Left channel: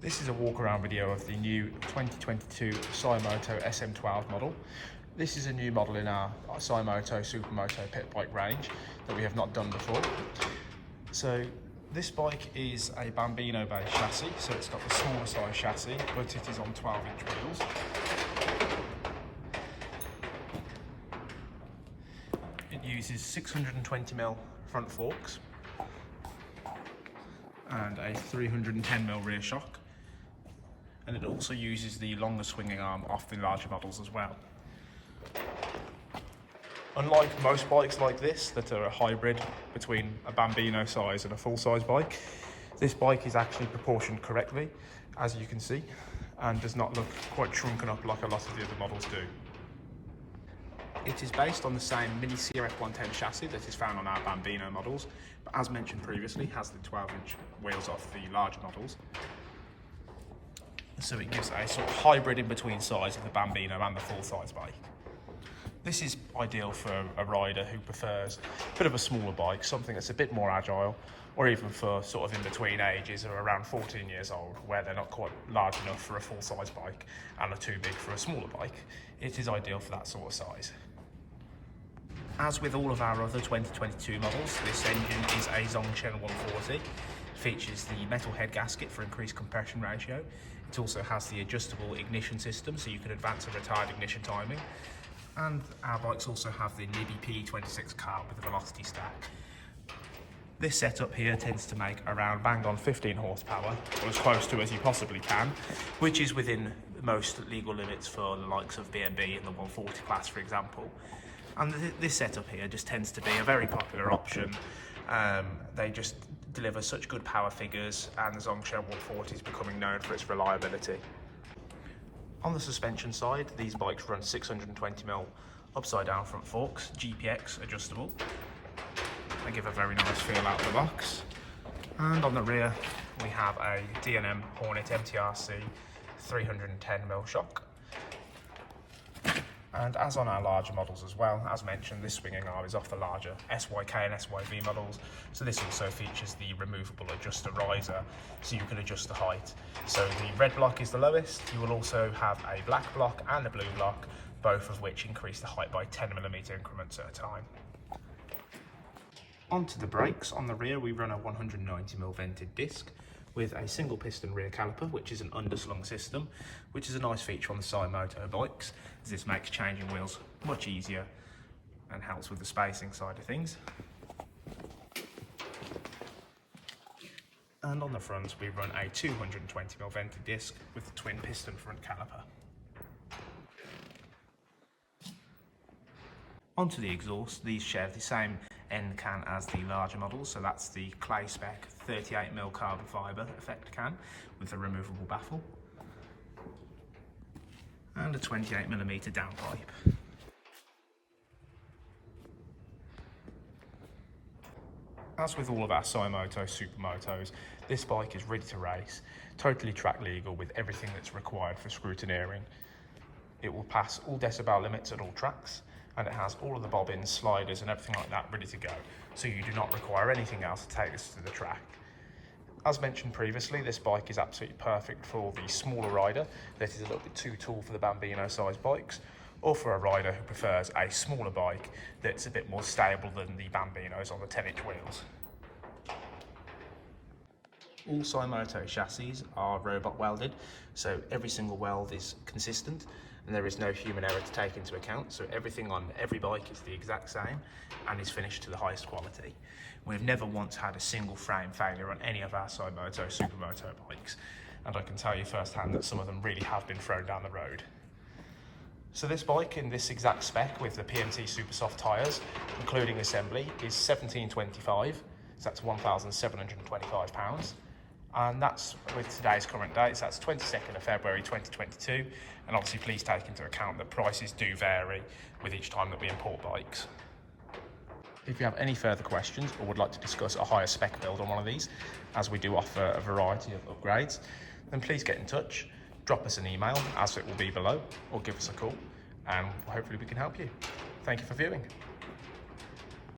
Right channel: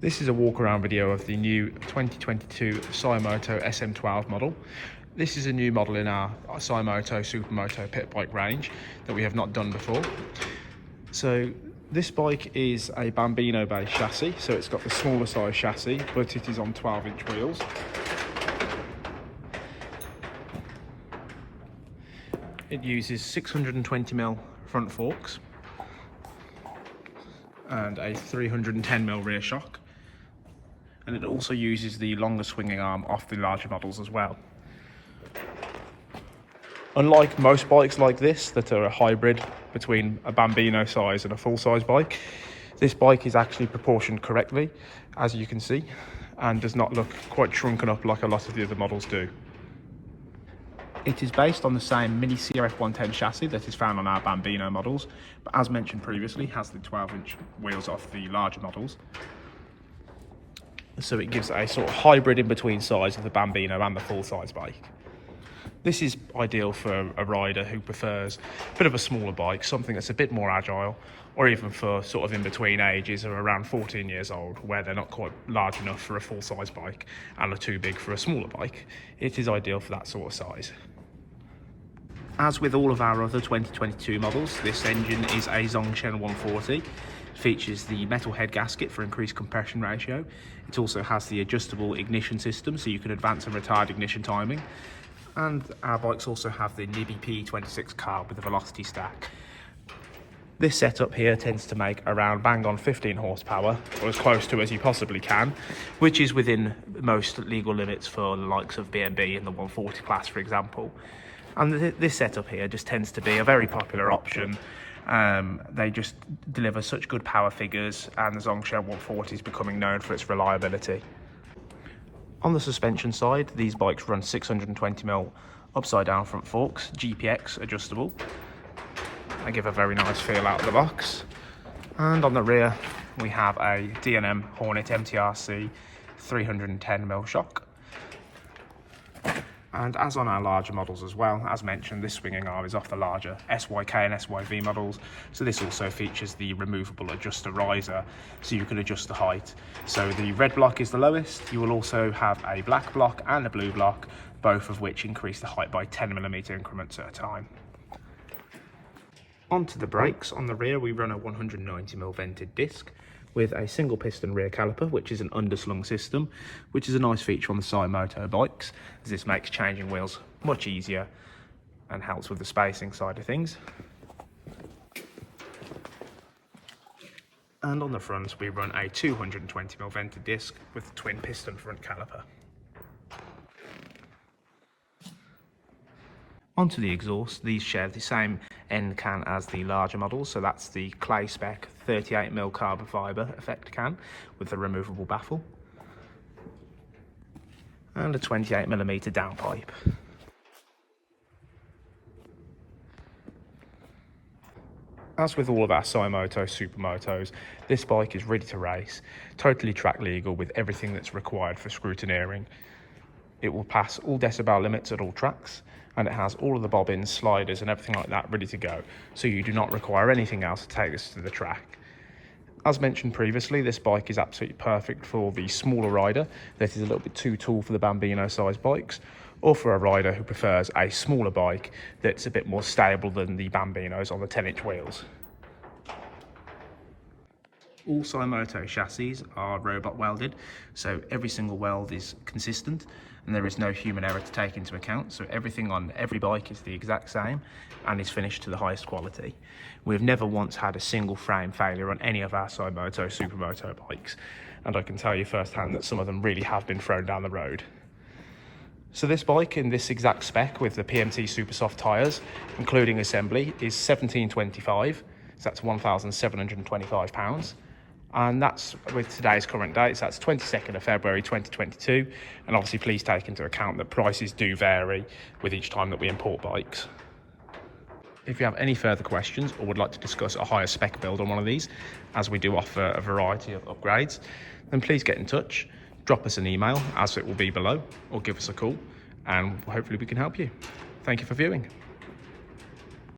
This is a walk around video of the new 2022 Symoto SM-12 model. This is a new model in our Symoto Supermoto Pitbike range that we have not done before. So this bike is a Bambino based chassis, so it's got the smaller size chassis, but it is on 12-inch wheels. It uses 620mm front forks and a 310mm rear shock. And it also uses the longer swinging arm off the larger models as well. Unlike most bikes like this that are a hybrid between a Bambino size and a full-size bike, this bike is actually proportioned correctly, as you can see, and does not look quite shrunken up like a lot of the other models do. It is based on the same mini CRF 110 chassis that is found on our Bambino models, but as mentioned previously, has the 12-inch wheels off the larger models. So it gives a sort of hybrid in between size of the Bambino and the full-size bike. This is ideal for a rider who prefers a bit of a smaller bike, something that's a bit more agile, or even for sort of in between ages of around 14 years old, where they're not quite large enough for a full-size bike and are too big for a smaller bike. It is ideal for that sort of size. As with all of our other 2022 models, this engine is a Zhongchen 140. It features the metal head gasket for increased compression ratio. It also has the adjustable ignition system, so you can advance and retard ignition timing. And our bikes also have the NIBI P26 carb with a velocity stack. This setup here tends to make around bang on 15 horsepower, or as close to as you possibly can, which is within most legal limits for the likes of B&B in the 140 class, for example. And this setup here just tends to be a very popular option. They just deliver such good power figures, and the Zhongchen 140 is becoming known for its reliability. On the suspension side, these bikes run 620mm upside down front forks, GPX adjustable. They give a very nice feel out of the box. And on the rear, we have a D&M Hornet MTRC 310mm shock. And as on our larger models as well, as mentioned, this swinging arm is off the larger SYK and SYV models. So this also features the removable adjuster riser, so you can adjust the height. So the red block is the lowest. You will also have a black block and a blue block, both of which increase the height by 10mm increments at a time. Onto the brakes. On the rear, we run a 190mm vented disc with a single piston rear caliper, which is an underslung system, which is a nice feature on the Symoto bikes, as this makes changing wheels much easier and helps with the spacing side of things. And on the front, we run a 220mm vented disc with a twin piston front caliper. Onto the exhaust, these share the same end can as the larger models, so that's the clay spec 38mm carbon fibre effect can with the removable baffle and a 28mm downpipe. As with all of our Symoto Supermotos, this bike is ready to race, totally track legal with everything that's required for scrutineering. It will pass all decibel limits at all tracks, and it has all of the bobbins, sliders and everything like that ready to go, so you do not require anything else to take this to the track. As mentioned previously, this bike is absolutely perfect for the smaller rider that is a little bit too tall for the Bambino sized bikes, or for a rider who prefers a smaller bike that's a bit more stable than the Bambinos on the 10-inch wheels. All Symoto chassis are robot welded, so every single weld is consistent and there is no human error to take into account, so everything on every bike is the exact same and is finished to the highest quality. We've never once had a single frame failure on any of our Symoto Supermoto bikes, and I can tell you firsthand that some of them really have been thrown down the road. So this bike in this exact spec with the PMT Super Soft tyres, including assembly, is £1,725, so that's £1,725. And that's with today's current dates, that's 22nd of February 2022, and obviously please take into account that prices do vary with each time that we import bikes. If you have any further questions or would like to discuss a higher spec build on one of these, as we do offer a variety of upgrades, then please get in touch, drop us an email as it will be below, or give us a call, and hopefully we can help you. Thank you for viewing.